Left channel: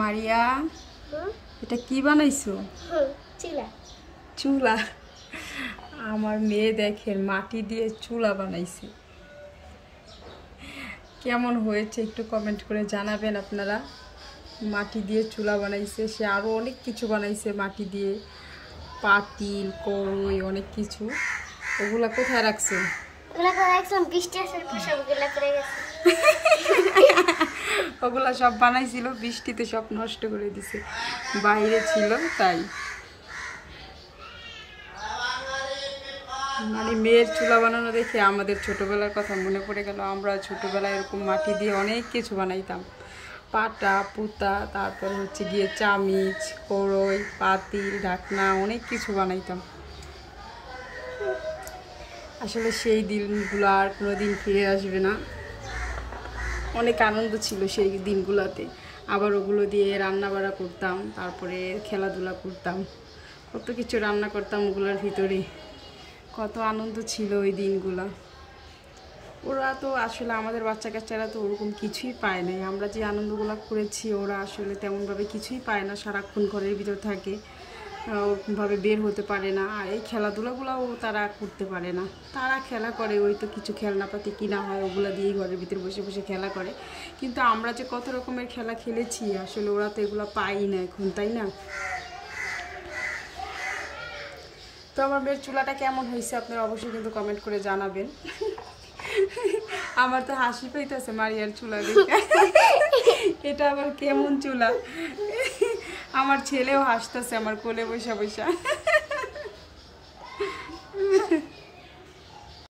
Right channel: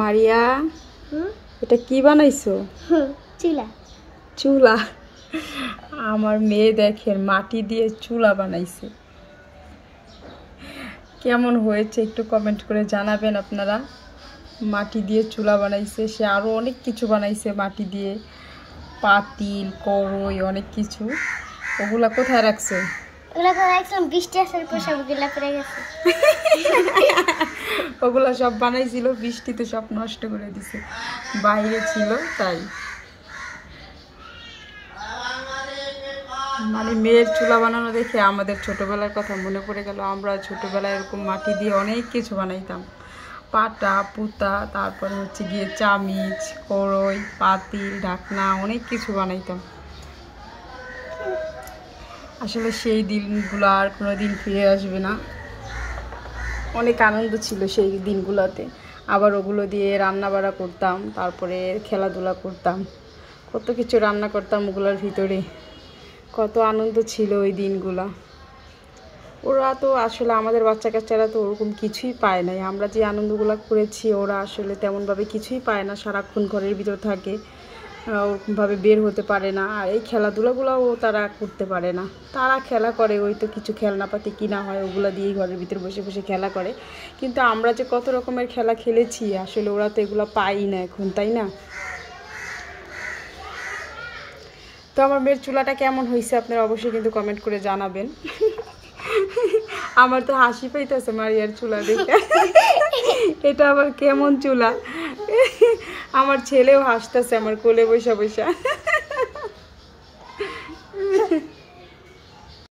মারিয়া এটা কি বানাইছো? চুলা। চুলা? আমার মেয়ে দেখেন মাটি দিয়ে চুলা বানাইছে। কেমন হয়েছে একটু কমেন্ট করে জানাবেন আপনারা। মাটি দিয়ে চুলা বানাইছে, সে আরো অনেক কিছু বানাইছে মাটি দিয়ে, পাতিল, কড়াই, অনেক কিছু। ওগুলা কোথায় রাখছো? ওগুলা সব বানাইছিল, বৃষ্টিতে সব নষ্ট করে দিছে, বাইরে ছিল তাই। মানে মেয়ের চুলা বানানো দেখে আমাদের ছোটবেলার কথা মনে পড়ে গেল। আমরা ছোটবেলায় এরকম মাটি দিয়ে অনেক কিছু বানাইতাম, পাটা পুতা, তারপর হচ্ছে গিয়ে চামিচ, কড়াই, পাতিল, ঢাকনা, অনেক কিছু বানাইতাম। আসলে সেই দিনগুলো আর কোনো দিন ফিরে আসবে না। অনেক আনন্দ ছিল সেই দিনগুলোতে। আবার ওগুলো দিয়ে রান্না বাড়া করতাম, তারপরে খেলাধুলা করতাম, কত কিছু রান্না করতাম ওগুলোর ভিতরে। কত আনন্দ ছিল ওই দিনগুলা। ওরা তো আসলে আমাদের বাচ্চা কাচ্চারা তো ওরকম কিছুই পায় নাই। আমরা যে আনন্দগুলো করেছি ওরা আসলে তেমনভাবে কিছুই পায় না, সারাক্ষণ ঘরের ভিতর থাকে, ওরকমভাবে বের হতে পারে না। আর এই খেলাধুলাগুলোও তারা করতে পারে না। তারা খেলা করে, ওই তো কিছু খেলনাপাতি কিনা হয় ওগুলো দিয়েই ঘরের ভিতরে বসে বসে খেলা করে। কিন্তু আমরা যে কত রকমের খেলা খেলেছি আসলে ওরা তো এগুলো পাই না এখন, তাই না? তো আমার মেয়ের চুলাটা কেমন হয়েছে আপনারা অবশ্যই কিন্তু কমেন্ট করে জানাবেন। আমার তো হাসি পাইতেছে মারিয়ার চুলা দেখে। এটা আবার কেমন চুলা? আমার ছেলেও হাসতেছে আমার কোলে বসা বসা।